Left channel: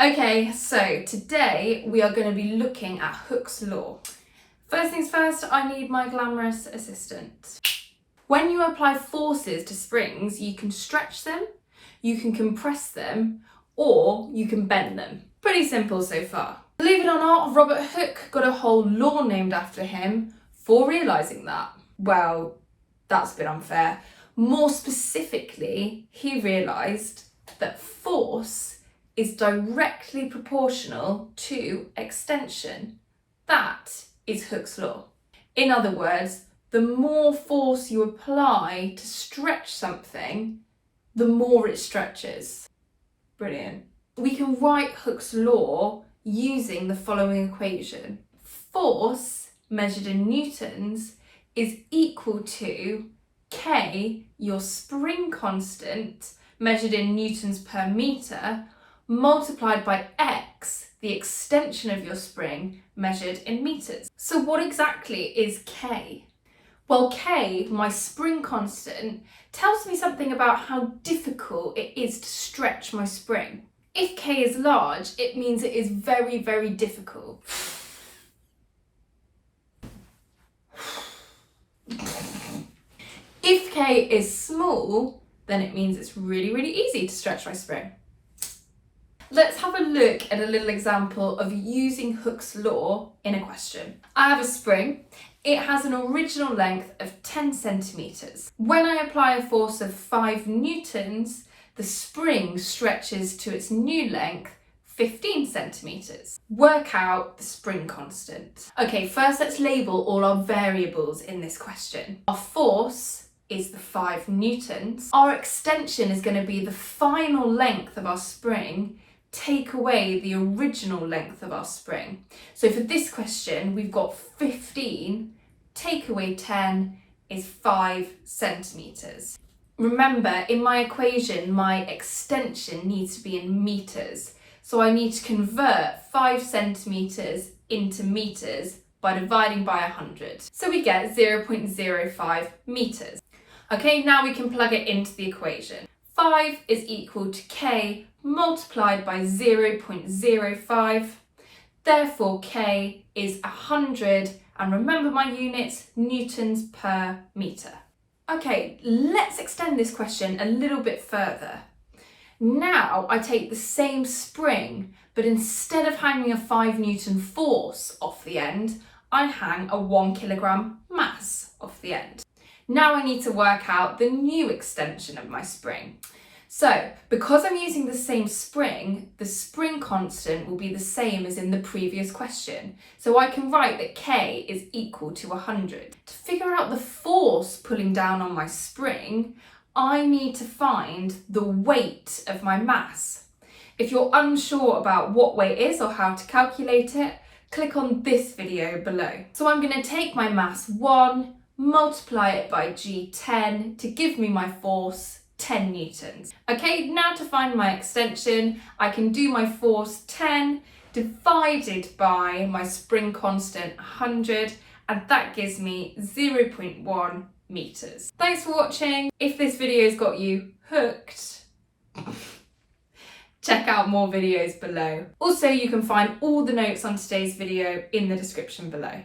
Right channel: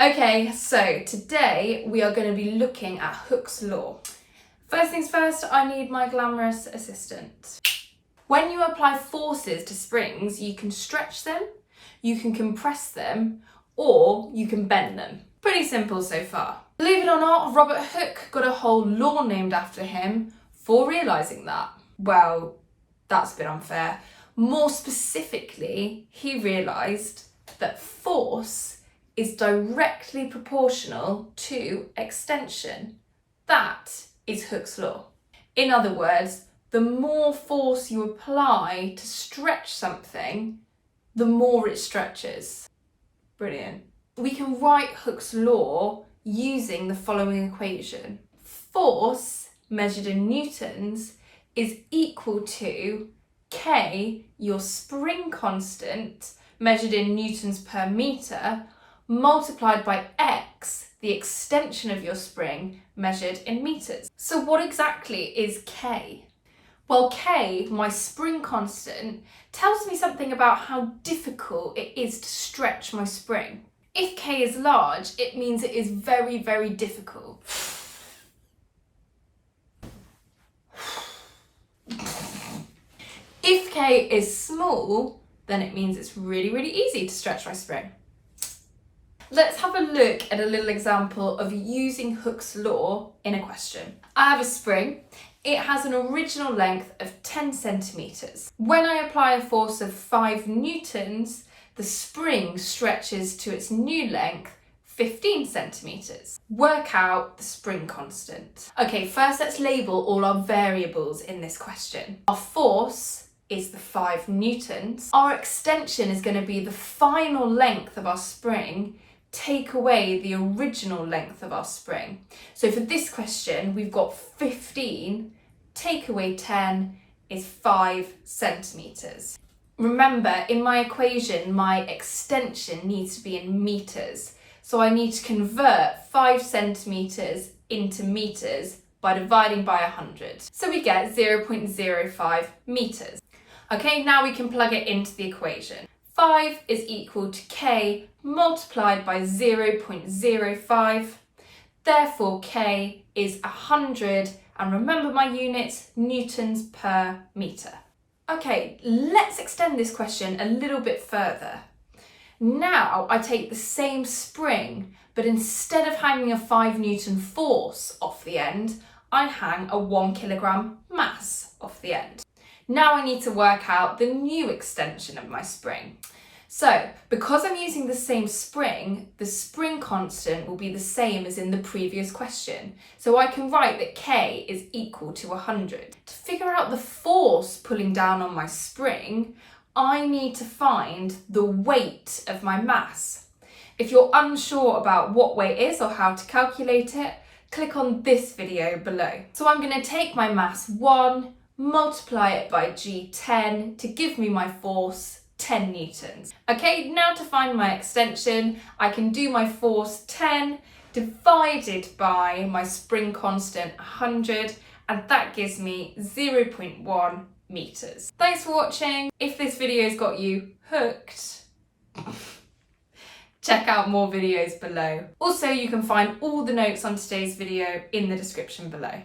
Okay, so today we are going to be looking at Hooke's law. First things first, I need my glamorous assistant. When you apply forces to springs, you can stretch them, you can compress them, or you can bend them. Pretty simple so far. Believe it or not, Robert Hooke got a whole law named after him for realising that. Well, that's a bit unfair. More specifically, he realised that force is directly proportional to extension. That is Hooke's law. In other words, the more force you apply to stretch something, the more it stretches. Brilliant. We can write Hooke's law using the following equation. Force measured in newtons is equal to K, your spring constant, measured in newtons per metre, multiplied by X, the extension of your spring, measured in metres. So what exactly is K? Well, K, my spring constant, tells me something about how difficult it is to stretch my spring. If K is large, it means it is very, very difficult. If K is small, then it means it's really, really easy to stretch my spring. Let's have a look at a little example of using Hooke's law in a question. I have a spring. It has an original length of 10 centimetres. When I apply a force of 5 newtons, the spring stretches to its new length, 15 centimetres. Work out the spring constant. Okay, first let's label all our variables in this question. Our force is the 5 newtons. Our extension is going to be the final length of our spring, take away the original length of our spring. So for this question, we've got 15, take away 10 is 5 centimetres. Remember, in my equation, my extension needs to be in metres. So I need to convert 5 centimetres into metres by dividing by 100. So we get 0.05 metres. Okay, now we can plug it into the equation. 5 is equal to K multiplied by 0.05. Therefore, K is 100, and remember my units, newtons per metre. Okay, let's extend this question a little bit further. Now I take the same spring, but instead of hanging a 5 newton force off the end, I hang a 1 kilogram mass off the end. Now I need to work out the new extension of my spring. So, because I'm using the same spring, the spring constant will be the same as in the previous question. So I can write that K is equal to 100. To figure out the force pulling down on my spring, I need to find the weight of my mass. If you're unsure about what weight is or how to calculate it, click on this video below. So I'm going to take my mass 1, multiply it by G10 to give me my force 10 newtons. Okay, now to find my extension, I can do my force 10 divided by my spring constant 100, and that gives me 0.1 metres. Thanks for watching. If this video's got you hooked, check out more videos below. Also, you can find all the notes on today's video in the description below.